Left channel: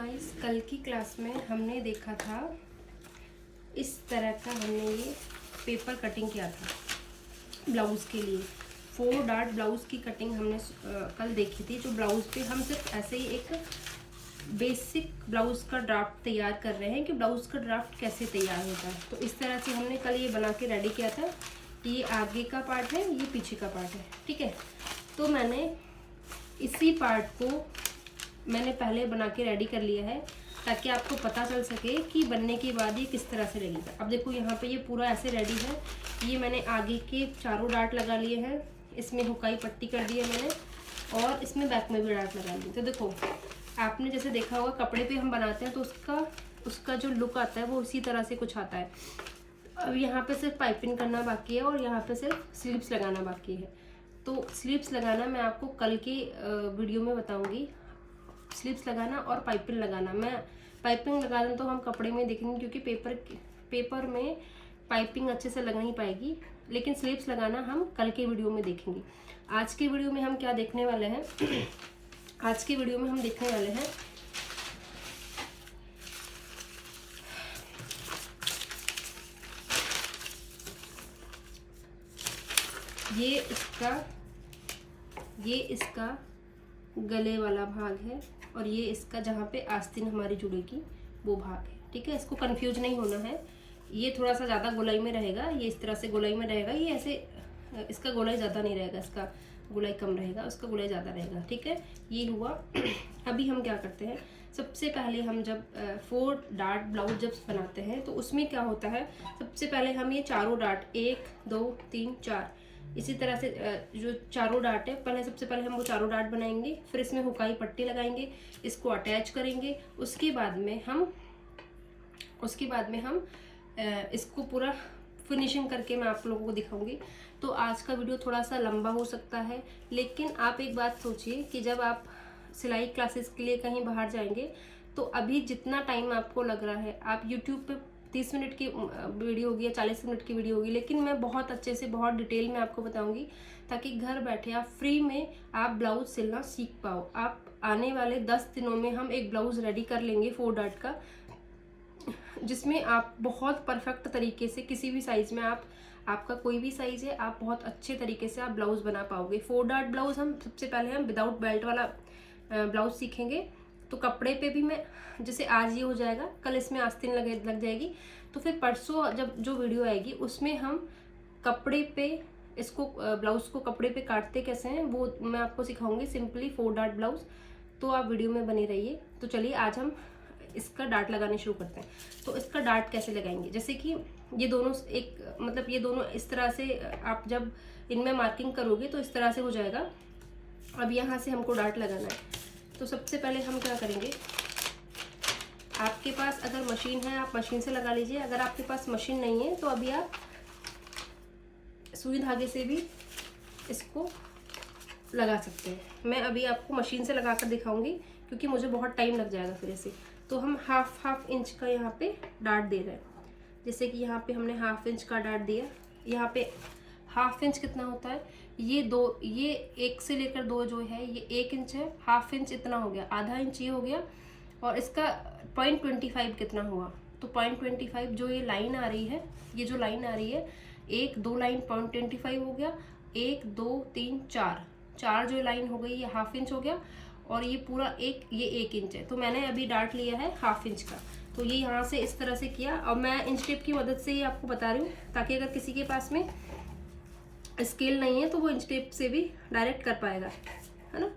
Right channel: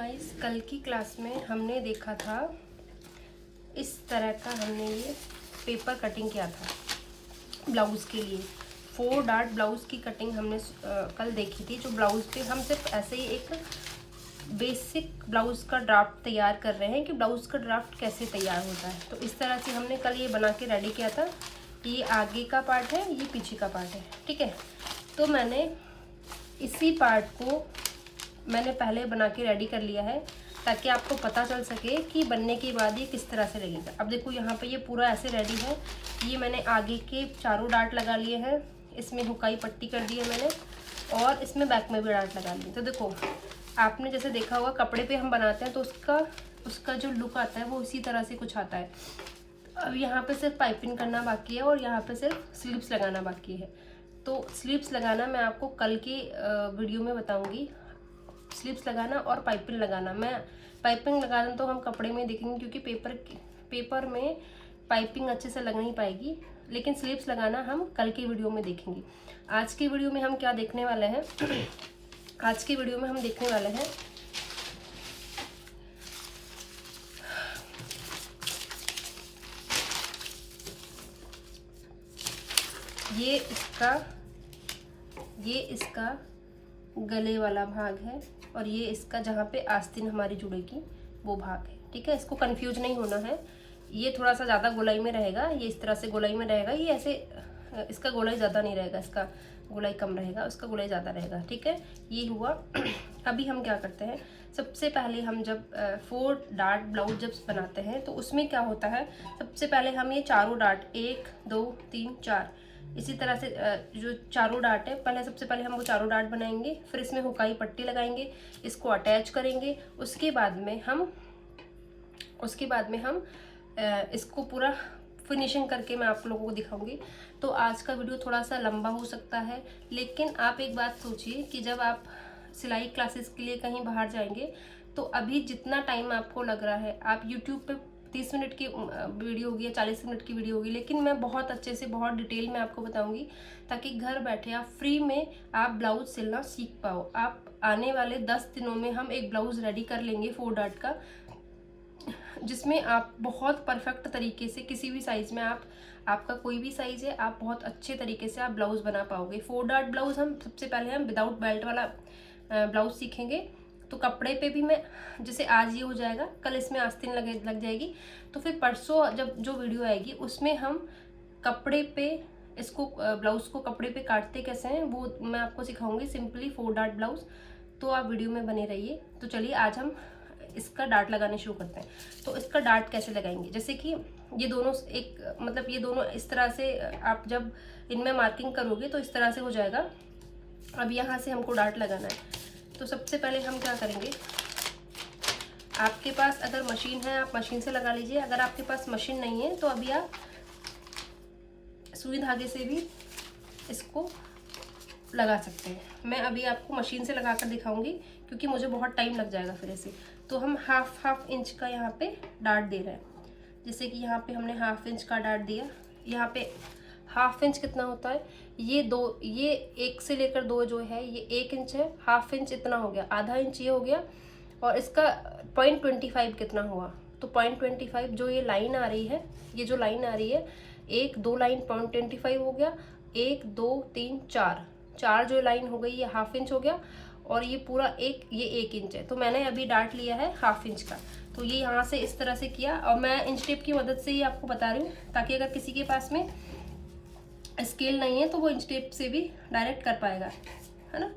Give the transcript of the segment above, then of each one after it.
Guys, कल की class में हमने देखा था इस तरह का हमने ये पेपर कटिंग किया था ब्लाउज़ के लिए। 4 डार्ट ब्लाउज़ की कटिंग हमने कल देखी थी। जो ब्लाउज़ पे हम सिर्फ ऐसे ही एक बेसिक ब्लाउज़ का ड्राफ्ट तैयार कर रहे हैं कि ब्लाउज़ का ड्राफ्ट कैसे तैयार होता है। तो इस तरह से हमने कल ये बना के रेडी किया था। ये आगे का पार्ट है, ये पीछे का पार्ट है, ठीक है। तो मैंने इसी पार्ट को मैंने पहले बना के रेडी कर लिया है ताकि आपको पता चल सके कि बनने के बाद ये किस तरह से लगेगा। अब देखो यहाँ पे ये पूरा ऐसे रेडी है। ये मैंने आगे के चारों डार्ट लगा लिए हैं, इसमें हुकाई पट्टी कर दी है मैंने, और इसमें बैक में भी डार्ट लगा लिए। तो देखो आपने जैसे देखा होगा कपड़े पे हम बनाते हैं तो उसका जो लुक आता है वो इसी तरह से कुछ आता है। अब यहाँ पे सिर्फ पाइपिंग करना बाकी है और यहाँ पे सिर्फ स्लीव्स लगाना बाकी है। तो स्लीव्स लगाना मैं आपको कल की वीडियो में बताऊँगी। स्लीव्स लगाना और पाइपिंग लगाना, मैं पाइपिंग लगाना तो हम कपड़े में देखेंगे क्योंकि पेपर में पाइपिंग अच्छे से लग नहीं पाएगी, लेकिन स्लीव्स लगाना हम कल की वीडियो में देखेंगे। आज की वीडियो में हम क्या देखने वाले हैं आज की वीडियो में हम देखने वाले हैं ये इसका गले वाला भाग है और ये इसका जहाँ पे आस्तीन हमारी जुड़ेगी वो भाग है, ठीक है। इसको कंफ्यूज नहीं होना है। ये थोड़ा सा ज़्यादा गोलाई में रहेगा, ये इस तरह से गोलाई में रहेगा। ये ऐसे इसका गोलाई ज़्यादा नहीं रहेगा, इसका गोलाई कम रहेगा, उसका गोलाई ज़्यादा रहेगा, ठीक है। ये हुआ। अभी हम क्या करते हैं, सबसे पहले हम जब 4 डार्ट ब्लाउज जब बनाते हैं तो उसमें क्या होता है, सबसे पहले हम ये चारों डार्ट 1 2 3 4 इसी तरह से जो चारों डार्ट है सबसे पहले हम वो चारों डार्ट बनाएंगे, फिर इसमें हुकाई पट्टी लगाएंगे, इसको अटैच करेंगे। उसके बाद में हम इसको पूरा फिनिशिंग करके मैं आप लोगों को दिखाऊंगी। तो आज का वीडियो थोड़ा सा लंबा हो सकता है, लेकिन आप एक बात सोचिए कि जब आप सिलाई क्लासेस के लिए कहीं बाहर जाएंगे तो अभी जितना टाइम आपको लग रहा है, आप यूट्यूब पे 30 मिनट की वीडियो होगी या 40 मिनट की वीडियो होगी, लेकिन मैं बहुत अच्छे से बहुत डिटेल में आपको बताऊंगी ताकि घर बैठे आप फ्री में आप ब्लाउज सिलना सीख पाओ। आप आने वाले 10 दिनों में हम एक ब्लाउज रेडी कर लेंगे 4 डार्ट का, जिसमें आप बहुत परफेक्ट तरीके से किसी भी साइज में आपका कोई भी साइज है, आप बहुत अच्छे तरीके से आप ब्लाउज बना पाओगे। 4 डार्ट ब्लाउज हम सबसे पहले हम विदाउट बेल्ट वाला ब्लाउज सीखेंगे। तो कपड़े पे भी मैं, जैसे आज ये हो जाएगा, कल इसमें आस्तीन लग जाएगी, तो फिर परसों जब जो वीडियो आएगी उसमें हम कपड़े पे इसको ब्लाउज को कपड़े पे काटते कैसे हैं वो मैं आपको सिखाऊंगी, सिंपली 4 डार्ट ब्लाउज। तो आप वीडियो में बने रहिए। तो चलिए आज हम इसका डार्ट लगाने शुरू करते हैं। तो इसका डार्ट कैसे लगाएंगे, जैसे कि ये दोनों ये दोनों इस तरह से आप जब इनमें मार्किंग करोगे तो इस तरह से हो जाएगा। अब यहाँ से हमको डार्ट लगाना है। तो सबसे पहले हम क्या करेंगे, आपके पास अगर मशीन है आप मशीन से लगा लीजिए। अगर आपके पास मशीन नहीं है तो अभी आप सुई धागे से भी इसको लगा सकते हैं। मैं अभी आपको मशीन से लगा कर दिखाऊंगी क्योंकि मुझे बहुत टाइम लग जाएगा फिर ऐसे। तो हम हाफ इंच का यहाँ पे डार्ट दे रहे हैं। जैसे कि यहाँ पे हमने हाफ इंच का डार्ट दिया। यहाँ पे हाफ इंच कितना होता है, ये 1 से लेकर 2 जो है ये 1 इंच है। हाफ इंच इतना हो गया, आधा इंच ये हो गया, और इसका 0.25 कितना हुआ, तो 0.25 जो ये लाइन आ रही है, ये जो लाइन आ रही है 1 2 लाइन 0.25 हो गया, 1 2 3 4 जो लाइन हो गई ये हाफ इंच हो गया, और ये पूरा ये 1 इंच है। तो मैंने अभी डार्ट लिया है हाफ इंच का। तो ये यहाँ से इस तरह से किया, और मैं इंच टेप की मदद से ही आपको बता रही हूँ ताकि अगर किसी के पास में स्केल नहीं है तो वो इंच टेप से भी डायरेक्ट कर पाएगा, है ना।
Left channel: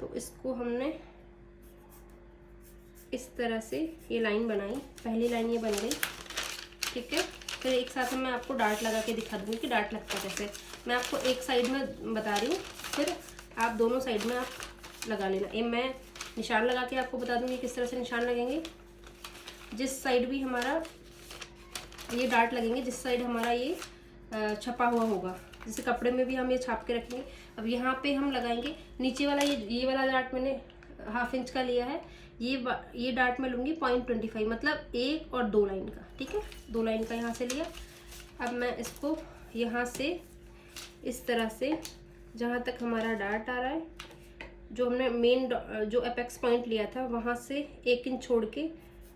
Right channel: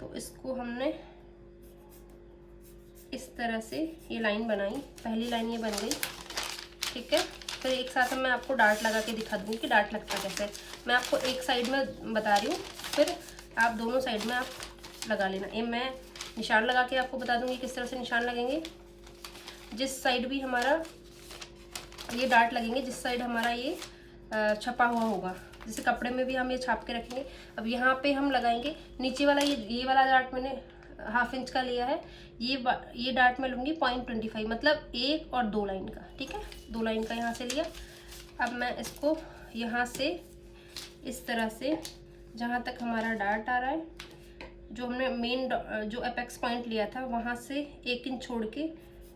तो इसको हमने इस तरह से ये लाइन बनाई, पहली लाइन ये बन गई, ठीक है। फिर एक साथ मैं आपको डार्ट लगा के दिखा दूँगी कि डार्ट लगता कैसे। मैं आपको एक साइड में बता रही हूँ, फिर आप दोनों साइड में आप लगा लेना। ये मैं निशान लगा के आपको बता दूँगी किस तरह से निशान लगेंगे। जिस साइड भी हमारा ये डार्ट लगेंगे, जिस साइड हमारा ये छपा हुआ होगा, जैसे कपड़े में भी हम ये छाप के रखेंगे। अब यहाँ पे हम लगाएंगे नीचे वाला, ये वाला डार्ट मैंने हाफ इंच का लिया है, ये डार्ट मैं लूँगी 0.25, मतलब 1 और 2 लाइन का, ठीक है। 2 लाइन का यहाँ से लिया। अब मैं इसको यहाँ से इस तरह से जहाँ तक हमारा डार्ट आ रहा है जो हमने मेन जो अपेक्स पॉइंट लिया था वहाँ से 1 इंच छोड़ के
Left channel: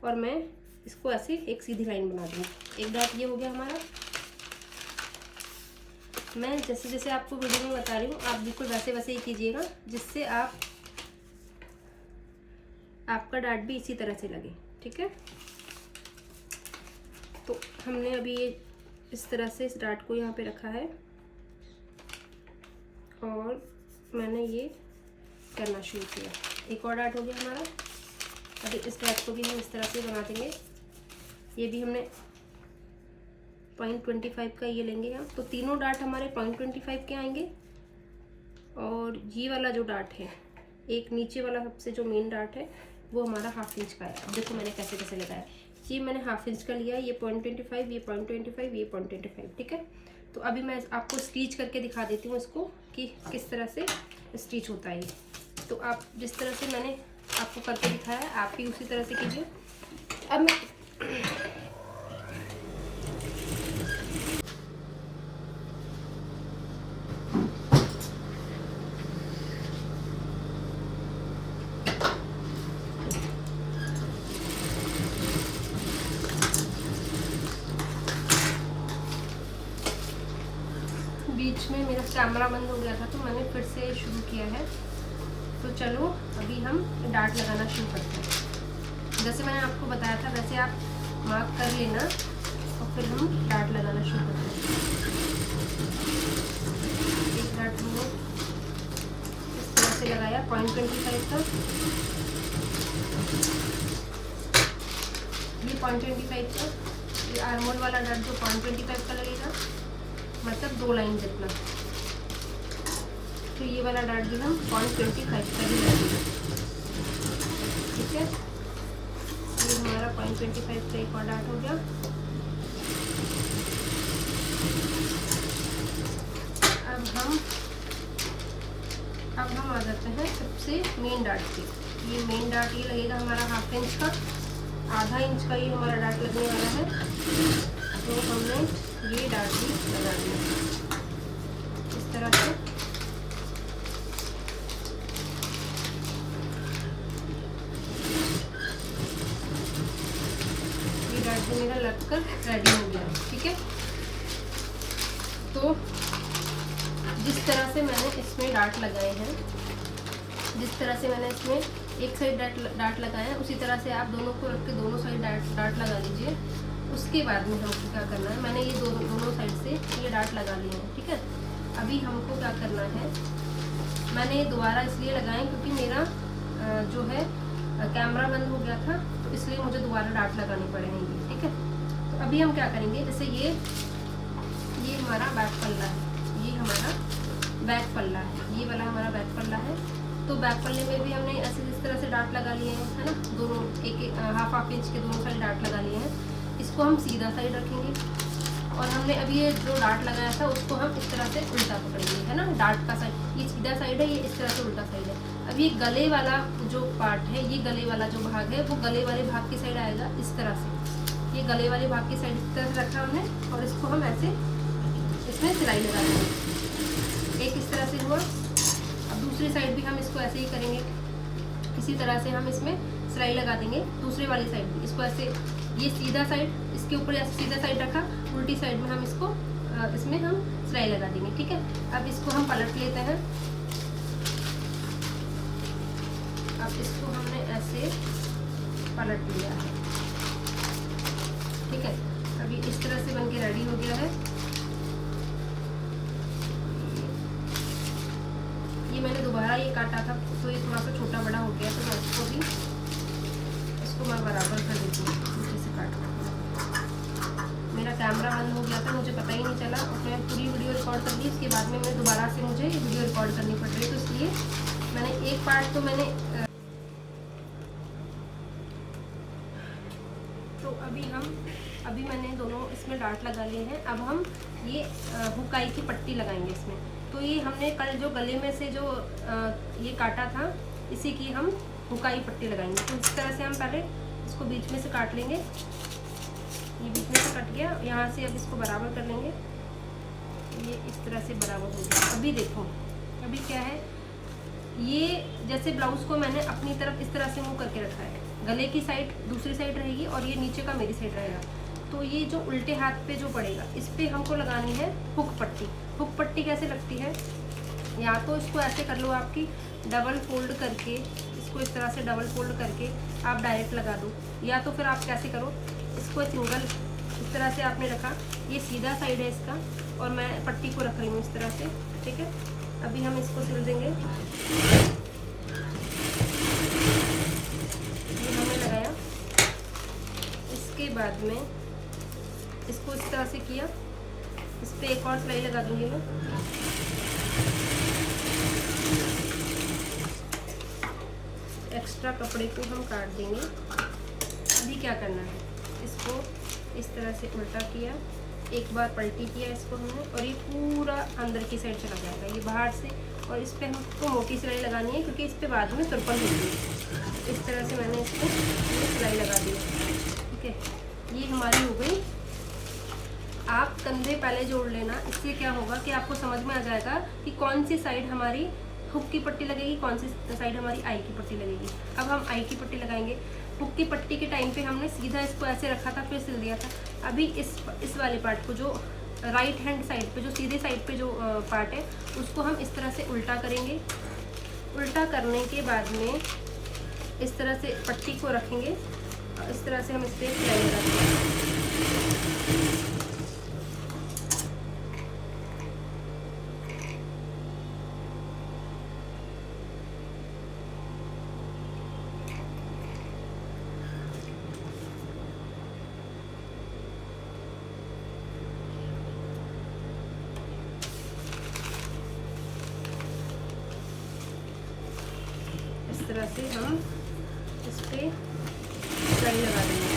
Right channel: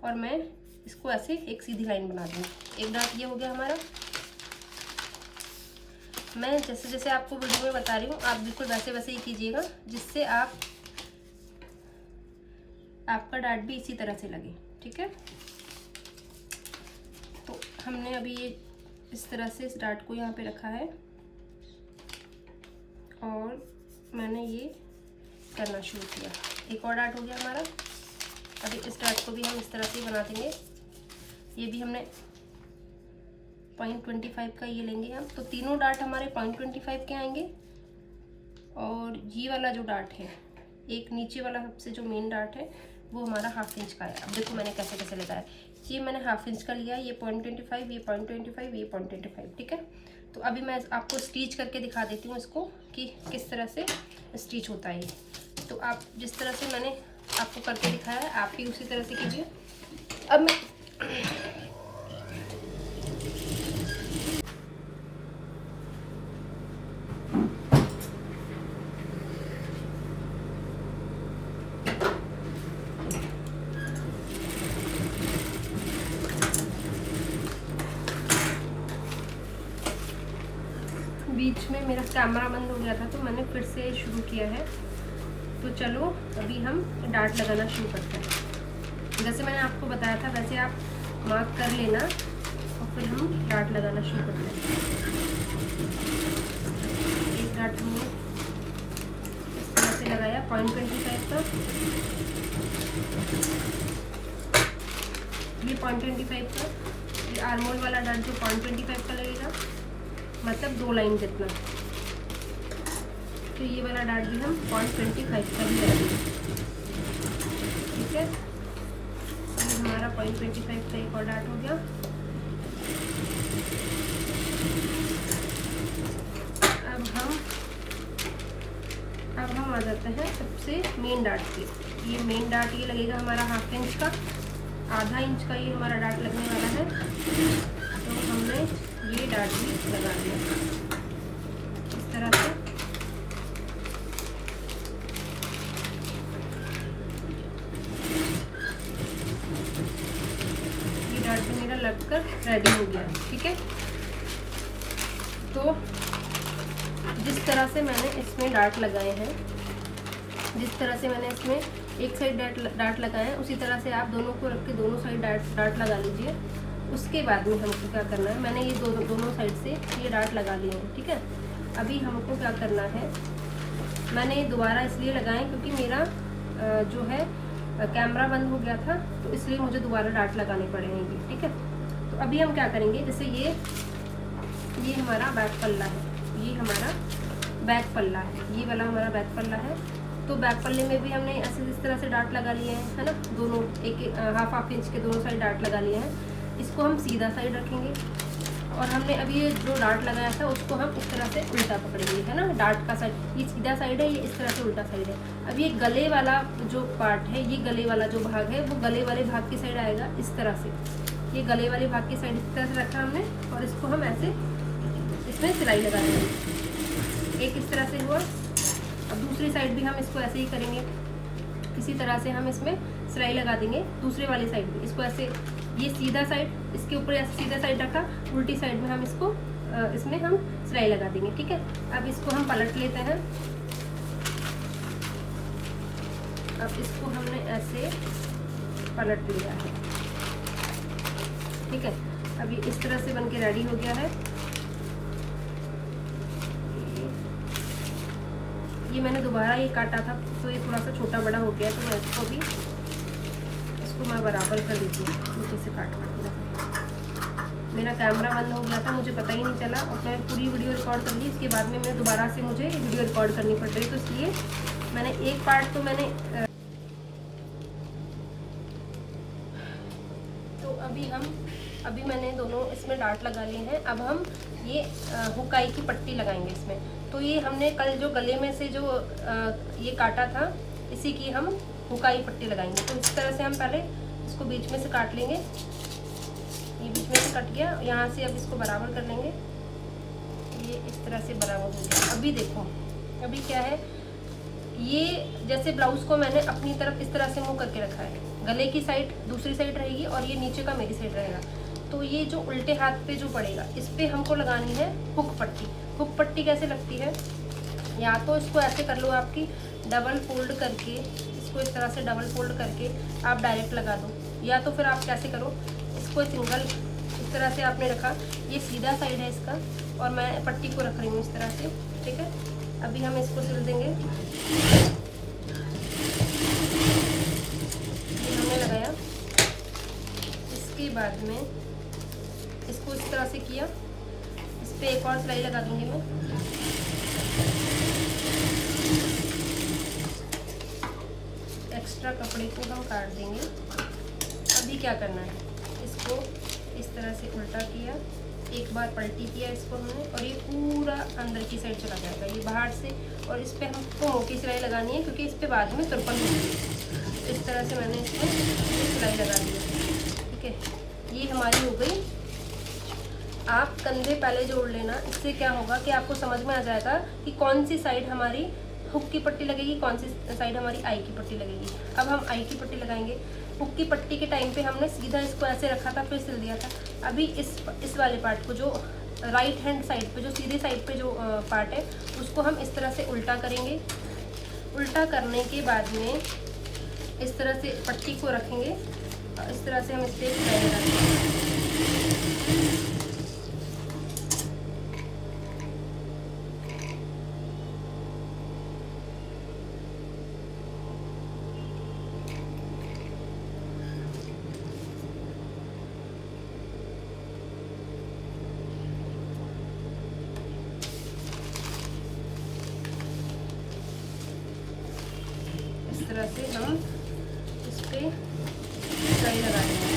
और मैं इसको ऐसे एक सीधी लाइन बना दूँगी। एक डॉट ये हो गया हमारा। मैं जैसे जैसे आपको वीडियो में बता रही हूँ आप बिल्कुल वैसे वैसे ही कीजिएगा, जिससे आपका डार्ट भी इसी तरह से लगे। ठीक है, तो हमने अभी ये इस तरह से इस डार्ट को यहाँ पे रखा है और मैंने ये करना शुरू किया। एक और डार्ट हो गया हमारा। अभी इस डार्ट को भी हम इस तरह से बना देंगे। ये भी हमने 0.25 का ये लेंगे हम, तो तीनों डार्ट हमारे 0.25 के आएंगे। और ये वाला जो डार्ट है, एक नीचे वाला सबसे जो मेन डार्ट है वो हमारा 1/2 इंच का है। अब देखो मैंने कैसे कैसे लगाया। ये मैंने 1/2 इंच का लिया, ये 0.25, ये 0.25, ये 0.25। ठीक है, तो अभी मैं आपको स्टिच करके दिखा देती हूँ इसको कि किस तरह से स्टिच होता है। तो आप जिस तरह से मैंने आपको करके दिखाया है आप भी उसी तरह से कीजिए। अब बीच में मेरा कैमरा बंद हो गया था तो मैंने फिर से शुरू किया है। तो चलो अभी हम डार्ट लगाना शुरू करते हैं। जैसे मैंने आपको बताया था वैसे आप मार्क कर लेना और फिर हम डार्ट लगाना शुरू करते हैं। एक डार्ट हमने इस तरह से लगाया 0.25 का, ये 0.25 का, ये आर्मोल वाला डार्ट जो 0.25 का लगेगा, मतलब 2 लाइन जितना। तो ये वाला डार्ट भी हम 0.25 का ही लगाएंगे। ठीक है, ये हमारा 0.25 का एक और डार्ट हो गया। अब हम आ जाते हैं सबसे मेन डार्ट पे। ये मेन डार्ट ये लगेगा हमारा 1/2 इंच का, 1/2 इंच का ये हमारा डार्ट लगने वाला है। तो हमने ये डार्ट भी लगा दिया इस तरह से। ये डार्ट भी मेरा लगकर रेडी हो गया है। ठीक है, तो जिस तरह से मैंने इसमें डार्ट लगाए हैं, जिस तरह से मैंने इसमें एक साइड डार्ट लगाए हैं उसी तरह से आप दोनों को रख के दोनों साइड डार्ट लगा लीजिए। उसके बाद में हमको क्या करना है, मैंने ये दोनों साइड से ये डार्ट लगा लिए हैं। ठीक है, अभी हमको क्या करना है, मैंने ये दोबारा इसलिए लगाए क्योंकि मेरा जो है कैमरा बंद हो गया था तो इसलिए मुझे दोबारा डार्ट लगाने पड़ेंगे। ठीक है, तो अभी हम क्या करेंगे, जैसे ये हमारा बैक पल्ला है, ये हमारा बैक पल्ला है, ये वाला हमारा बैक पल्ला है। तो बैक पल्ले में भी हमने ऐसे इस तरह से डार्ट लगा लिए हैं, है ना, दोनों एक 1/2 इंच के दोनों साइड डार्ट लगा लिए हैं। इसको हम सीधा साइड रखेंगे और हमने अभी ये जो डार्ट लगाया था उसको हम इस तरह से उल्टा पकड़ेंगे, है ना। डार्ट का साइड ये सीधा साइड है, ये इस तरह से उल्टा साइड है। अब ये गले वाला जो पार्ट है, ये गले वाला जो भाग है वो गले वाले भाग की साइड आएगा इस तरह से। ये गले वाले भाग की साइड इस तरह से रखा हमने और इसको हम ऐसे इसमें सिलाई लगा देंगे। एक इस तरह से हुआ। अब दूसरी साइड भी हम इसको ऐसे ही करेंगे, इसी तरह से हम इसमें सिलाई लगा देंगे। दूसरे वाली साइड भी इसको ऐसे, ये सीधा साइड इसके ऊपर ऐसे सीधा साइड रखा, उल्टी साइड में हम इसको इसमें हम सिलाई लगा देंगे। ठीक है, अब इसको हम पलट लेते हैं। अब इसको हमने ऐसे पलट लिया है। ठीक है, अभी इस तरह से बनके रेडी हो गया है। ये मैंने दोबारा ये काटा था तो ये थोड़ा सा छोटा बड़ा हो गया, तो मैं इसको मैं बराबर कर देती हूँ नीचे से काट कर। मेरा कैमरा बंद हो गया था, मुझे पता ही नहीं चला और मैं पूरी वीडियो रिकॉर्ड कर ली। इसके बाद में मैं दोबारा से मुझे वीडियो रिकॉर्ड करनी पड़ रही, तो इसलिए मैंने एक पार्ट तो अभी मैंने दोनों इसमें डार्ट लगा लिए हैं। अब हम ये हुकाई की पट्टी लगाएंगे इसमें। तो ये हमने कल जो गले में से जो ये काटा था इसी की हम हुकाई पट्टी लगाएंगे। तो इस तरह से हम पहले इसको बीच में से काट लेंगे। ये बीच में से कट गया, यहाँ से अब इसको बराबर कर लेंगे। ये इस तरह से बराबर हो गया। अभी देखो, अभी क्या है, ये जैसे ब्लाउज को मैंने अपनी तरफ इस तरह से मूव करके रखा है, गले की साइड दूसरी साइड रहेगी और ये नीचे का मेरी साइड रहेगा। तो ये जो उल्टे हाथ पे जो पड़ेगा इस पे हमको लगानी है हुक पट्टी। हुक पट्टी कैसे लगती है, या तो इसको ऐसे कर लो आपकी डबल फोल्ड करके, इसको इस तरह से डबल फोल्ड करके आप डायरेक्ट लगा दो, या तो फिर आप कैसे करो, इसको सिंगल इस तरह से आपने रखा, ये सीधा साइड है इसका और मैं पट्टी को रख रही हूँ इस तरह से, ठीक है। अभी हम इसको सिल देंगे। हमने लगाया, इसके बाद में इसको इस तरह से किया, इस पर एक और सिलाई लगा दूंगी मैं। एक्स्ट्रा कपड़े को हम काट देंगे। अभी क्या करना है, इसको इस तरह से उल्टा किया, एक बार पलटी किया इसको हमने, और ये पूरा अंदर की साइड चला जाएगा, ये बाहर से। और इस पे हमको मोटी सिलाई लगानी है क्योंकि इस पे बाद में तुरपन होगी। इस तरह से मैंने इसको सिलाई लगा दी, ठीक है। ये हमारी हो गई। आप कंधे पहले जोड़ लेना, इससे क्या होगा कि आपको समझ में आ जाएगा कि कौन सी साइड हमारी हुक की पट्टी लगेगी, कौन सी साइड हमारी आई की पट्टी लगेगी। अब हम आई की पट्टी लगाएंगे। हुक की पट्टी के टाइम पे हमने सीधा इसको ऐसे रखा था, फिर सिल दिया था। अभी इस वाले पार्ट को, जो राइट हैंड साइड पे, जो सीधे साइड पे जो पार्ट है, उसको हम इस तरह से उल्टा करेंगे। उल्टा करने के बाद में इस तरह से पट्टी को रखेंगे, इस तरह से हम इस पर सिलाई लगाएंगे। से हम इस पे सिलाई लगा देंगे।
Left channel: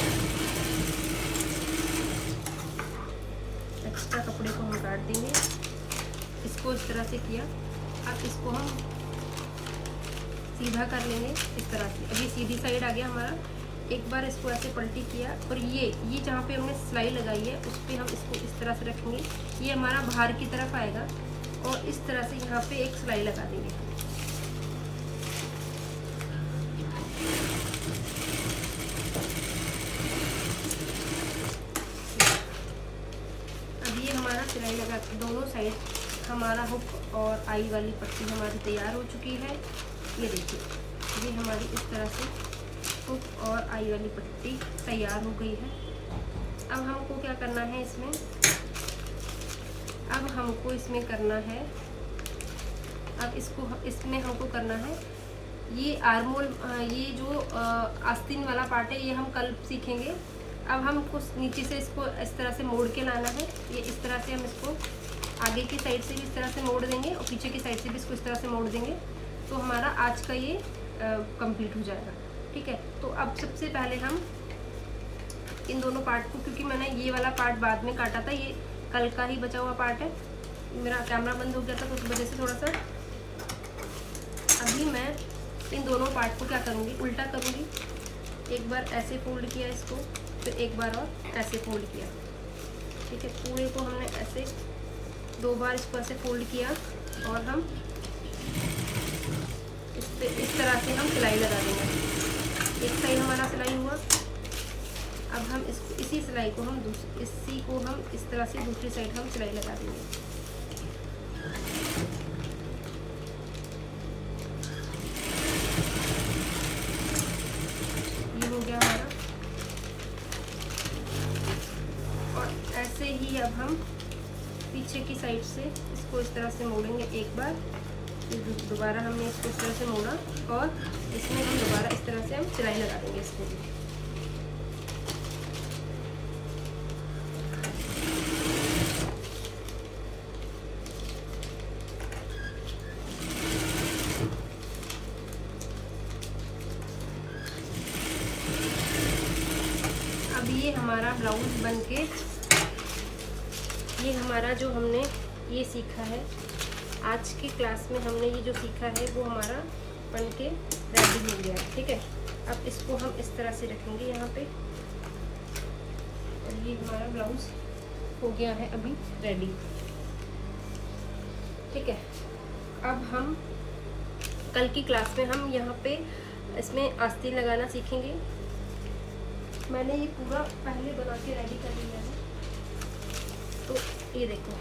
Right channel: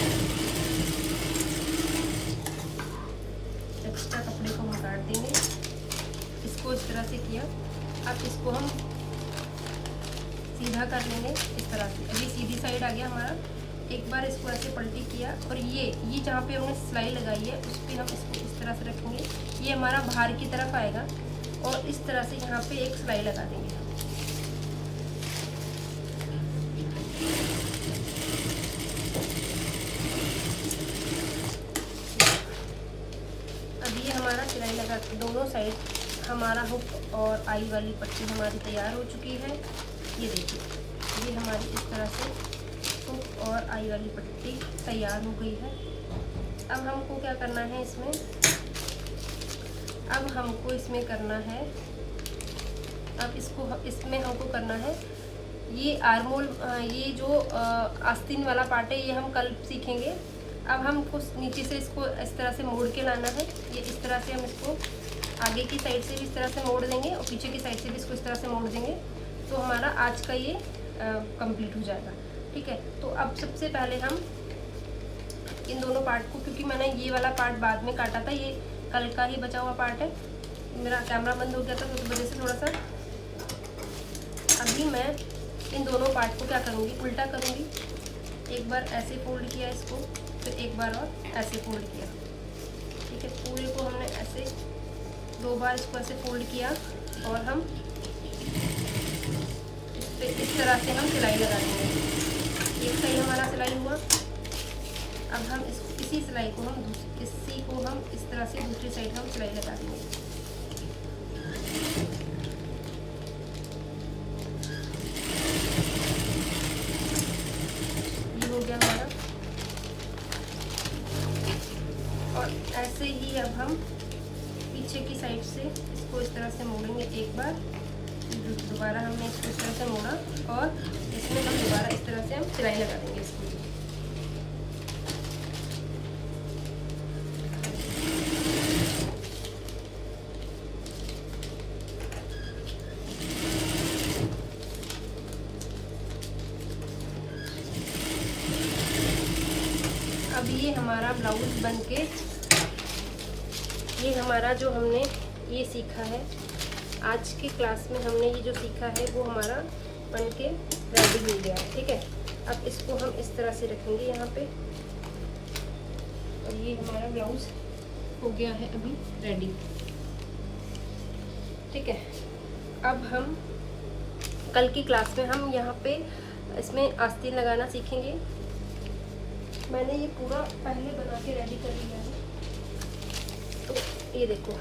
एक्स्ट्रा कपड़े को हम काट देंगे, इसको इस तरह से किया। अब इसको हम सीधा कर लेंगे इस तरह से। अभी सीधी साइड आ गया हमारा। एक बार इसको ऐसे पलटी किया और ये जहाँ पे हमने सिलाई लगाई है उस पर हम इसको इस तरह से रखेंगे, ये हमारा बाहर की तरफ आएगा और इस तरह से यहाँ पे एक सिलाई लगा देंगे। सिलाई लगा के दोनों साइड हमारा हुक और आई वाली पट्टी हमारी तैयार हो चुकी है। ये देखिए, ये हमारी इस तरह से हुक और आई वाली पट्टी तैयार हो गई है। अब हमको क्या करना है इसमें, अब हमको इसमें करना है, अब इसमें हमको करना है ये आर्मोल, ये जो आस्तीन वाला पार्ट है ये हम कल सीखेंगे। अब हमको नीचे से इसको इस तरह से मोड़ के लाना है। ये इस तरह से हम इसको आगे की साइड से भी इस तरह से मोड़ देंगे और पीछे की साइड से भी इसको इस तरह से मोड़ देंगे, तो हमारा आज का ये कंप्लीट हो जाएगा, ठीक है। तो अब सबसे पहले हम इन दोनों पार्ट को, क्योंकि मैंने ये वाला पार्ट बाद में काटा था, ये कल का ही बचा हुआ पार्ट है। मेरा कैमरा बंद हो गया था तो उस वजह से थोड़ा सा। अभी मैं इन दोनों पार्ट को क्या करूँगी, उल्टा करूँगी। एक बार ऐसे फोल्ड किया इसको, तो एक बार और ऐसे फोल्ड किया, ठीक है। पूरे को हमने ऐसे 2 बार इसको ऐसे फोल्ड किया और हम इस तरह से हम सिलाई लगा देंगे। एक साइड हमारा सिलाई हुआ। अब हम इसी सिलाई को हम इस तरह से दूसरी साइड हम सिलाई लगा देंगे। ऐसे ही अब हम पीछे की साइड से इसको इस तरह से मोड़ेंगे एक बार, फिर दोबारा हमने इसको इस तरह से मोड़ा और इसमें हम दोबारा इस तरह से हम सिलाई लगा देंगे इसको। अब ये हमारा ब्लाउज बनके, ये हमारा जो हमने ये सीखा है आज की क्लास में, हमने ये जो सीखा है वो हमारा बनके रेडी हो गया है, ठीक है। अब इसको हम इस तरह से रखेंगे यहाँ पे, और ये हमारा ब्लाउज हो गया है अभी रेडी, ठीक है। अब हम कल की क्लास में हम यहाँ पे इसमें आस्तीन लगाना सीखेंगे। मैंने ये पूरा पहले बना के रेडी कर लिया है। तो ये देखो,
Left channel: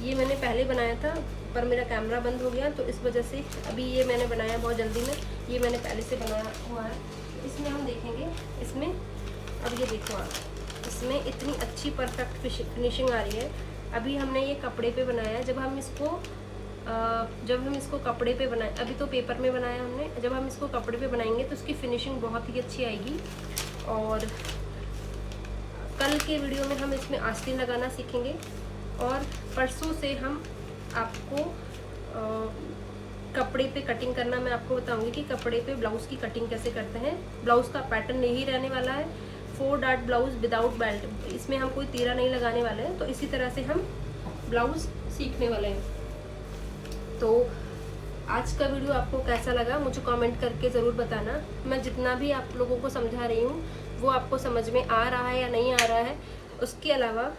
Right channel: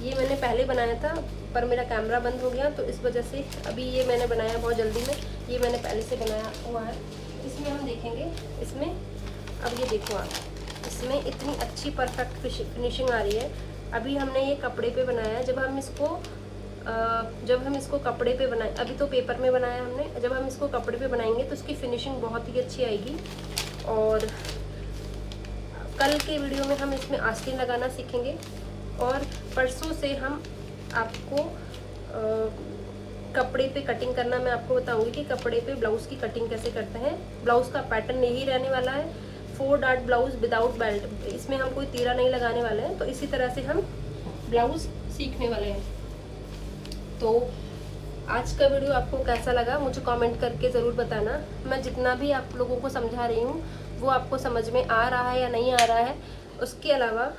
ये मैंने पहले बनाया था पर मेरा कैमरा बंद हो गया, तो इस वजह से अभी ये मैंने बनाया बहुत जल्दी में। ये मैंने पहले से बनाया हुआ है। इसमें हम देखेंगे, इसमें अब ये देखो आप, इसमें इतनी अच्छी परफेक्ट फिनिशिंग आ रही है। अभी हमने ये कपड़े पे बनाया। जब हम इसको कपड़े पे बनाए, अभी तो पेपर में बनाया हमने, जब हम इसको कपड़े पे बनाएंगे तो इसकी फिनिशिंग बहुत ही अच्छी आएगी। और कल के वीडियो में हम इसमें आस्तीन लगाना सीखेंगे, और परसों से हम आपको कपड़े पे कटिंग करना मैं आपको बताऊंगी कि कपड़े पे ब्लाउज़ की कटिंग कैसे करते हैं। ब्लाउज़ का पैटर्न यही रहने वाला है, 4 डार्ट ब्लाउज विदाउट बेल्ट। इसमें हम कोई तीरा नहीं लगाने वाले हैं। तो इसी तरह से हम ब्लाउज सीखने वाले हैं। तो आज का वीडियो आपको कैसा लगा मुझे कमेंट करके ज़रूर बताना। मैं जितना भी आप लोगों को समझा रही हूँ वो आपको समझ में आ रहा है या नहीं आ रहा है। उसके अलावा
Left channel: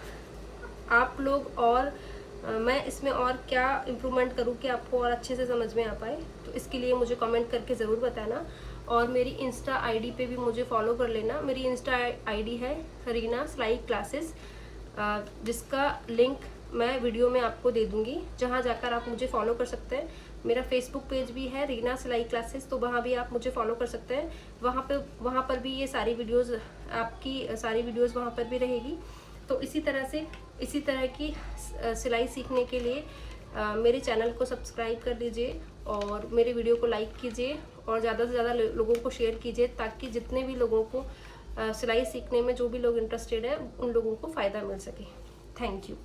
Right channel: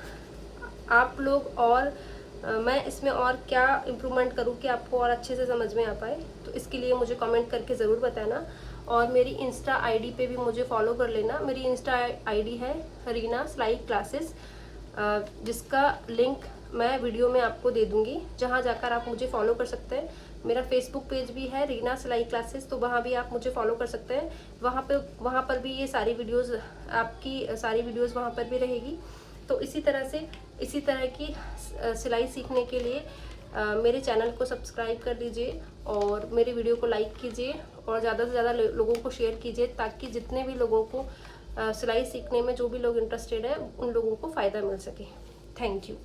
आप लोग और मैं इसमें और क्या इम्प्रूवमेंट करूँ कि आपको और अच्छे से समझ में आ पाए, तो इसके लिए मुझे कमेंट करके ज़रूर बताना। और मेरी इंस्टा आईडी पे भी मुझे फॉलो कर लेना। मेरी इंस्टा आईडी है रीना सिलाई क्लासेस, जिसका लिंक मैं वीडियो में आपको दे दूँगी, जहाँ जाकर आप मुझे फॉलो कर सकते हैं। मेरा फेसबुक पेज भी है रीना सिलाई क्लासेस, तो वहाँ भी आप मुझे फॉलो कर सकते हैं। वहाँ पर भी ये सारी वीडियोज़, आपकी सारी वीडियोज़ वहाँ पर भी रहेगी। तो इसी तरह की सिलाई सीखने के लिए मेरे चैनल को सब्सक्राइब कर दीजिए और मेरे वीडियो को लाइक कीजिए और ज़्यादा से ज़्यादा लोगों को शेयर कीजिए, ताकि जितने भी लोगों को सिलाई सीखने में जो भी लोग इंटरेस्टेड हैं उन लोगों को फ़ायदा मिल सके। Thank you.